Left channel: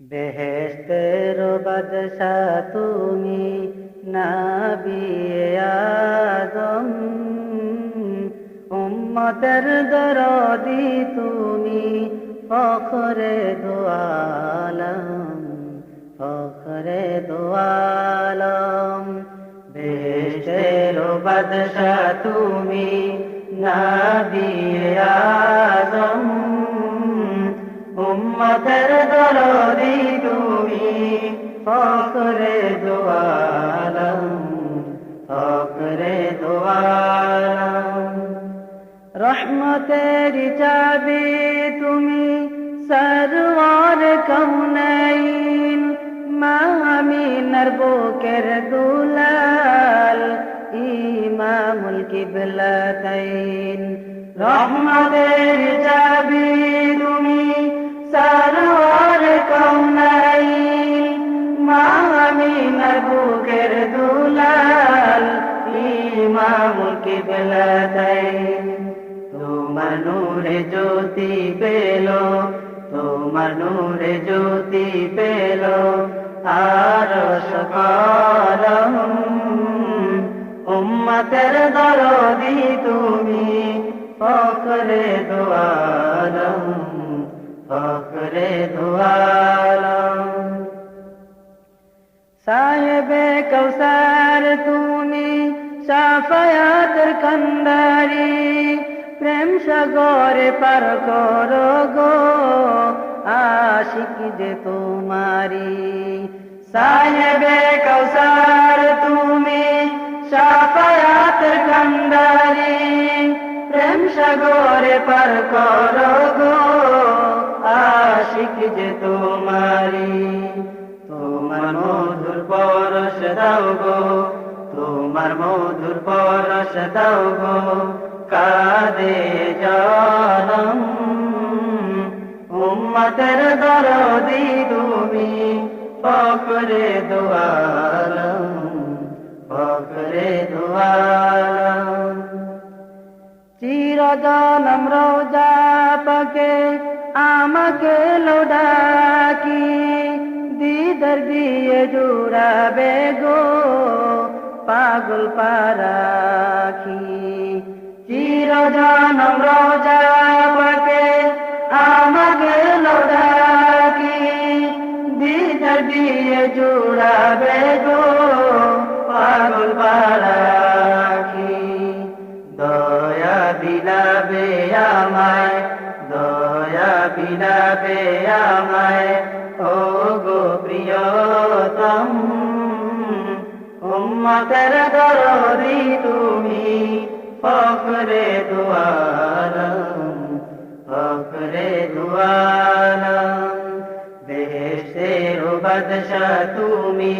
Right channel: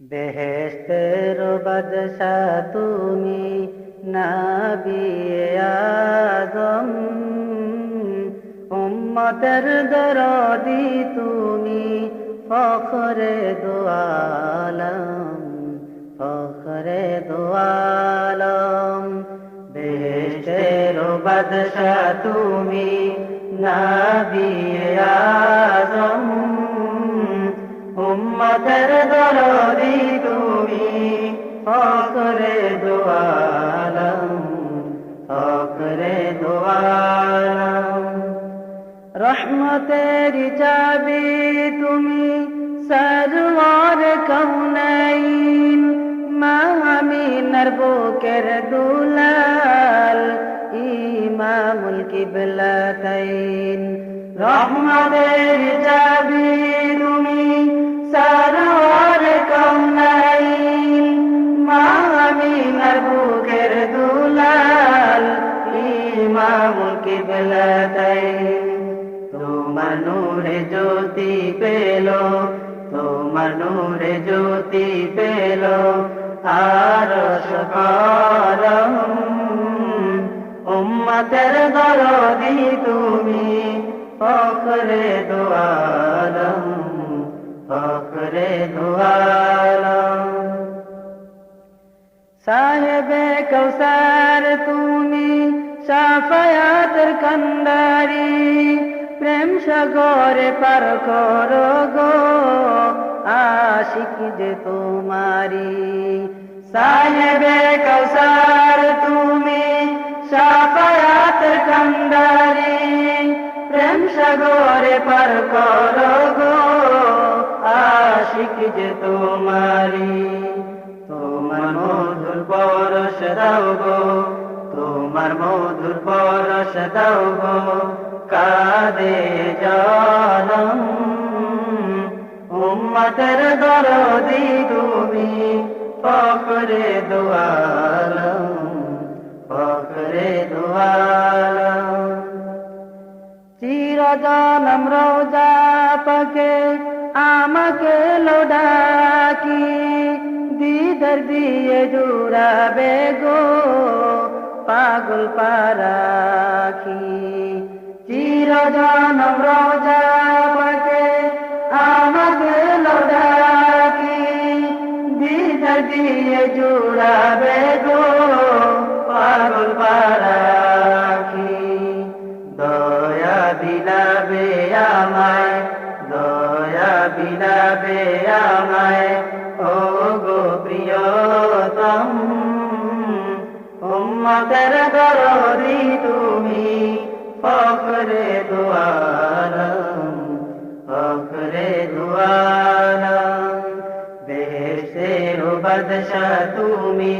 বেহেস্তের বাদশা তুমি নবিয়ে আদম। উম্মতের দরদি তুমি ফখরে দোয়ালম ফখরে দোয়ালম বেহেস্তের বাদশা তুমি নবিয়ে ফকরে দোয়ালম ফকরে দোয়ালম রহমতের চাবি তুমি সরওয়ার কৌনাইন মামিনার বুকের দুলাল, ইমামুল কিবলাতাইন রহমতের চাবি ইমামুল কিবলাতাইন তোমার নূরে জ্যোতি পেল, তোমার নূরে জ্যোতি পেল, আর সকলম উম্মতের দরদি তুমি ফকরে দোয়ালম ফকরে দোয়ালম। সাহেবে কৌসার কন্দারি, প্রেম সাগরে পার করো গো, আশিক যে তোমারি। সাহেবে কৌসার তুমি সাফায়াতের কন্দারি, প্রেম সাগরে পার করো গো, আশিক যে তোমারি। তোমার মধুর পরশ দাও গো তোমার মধুর পরশ দাও কাদে জানম উম্মতের দরদি তুমি ফকরে দোয়ালম ফকরে দোয়ালম চিরজনম রোজা পাকে আমাকে লোডাকি, দিদার দিয়ে জুড়াবে জুড়াবে গো পাগল পারাখি দয়া বিলাবে আমায়, দয়া বিলাবে আমায়। ও গো প্রিয়তম, উম্মতের দরদি তুমি, ফখরে দুয়ালম বেহেশতের বাদশা তুমি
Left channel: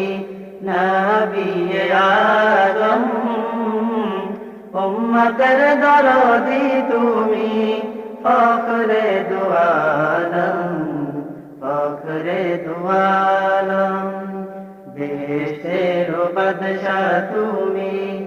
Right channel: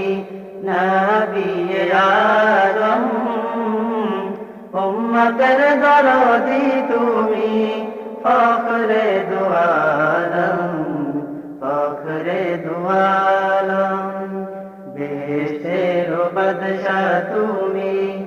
নবিয়ে আদম উম্মতের দরদি তুমি, ফখরে দুয়ালম ফখরে দুয়ালম বেহেশতের বাদশা তুমি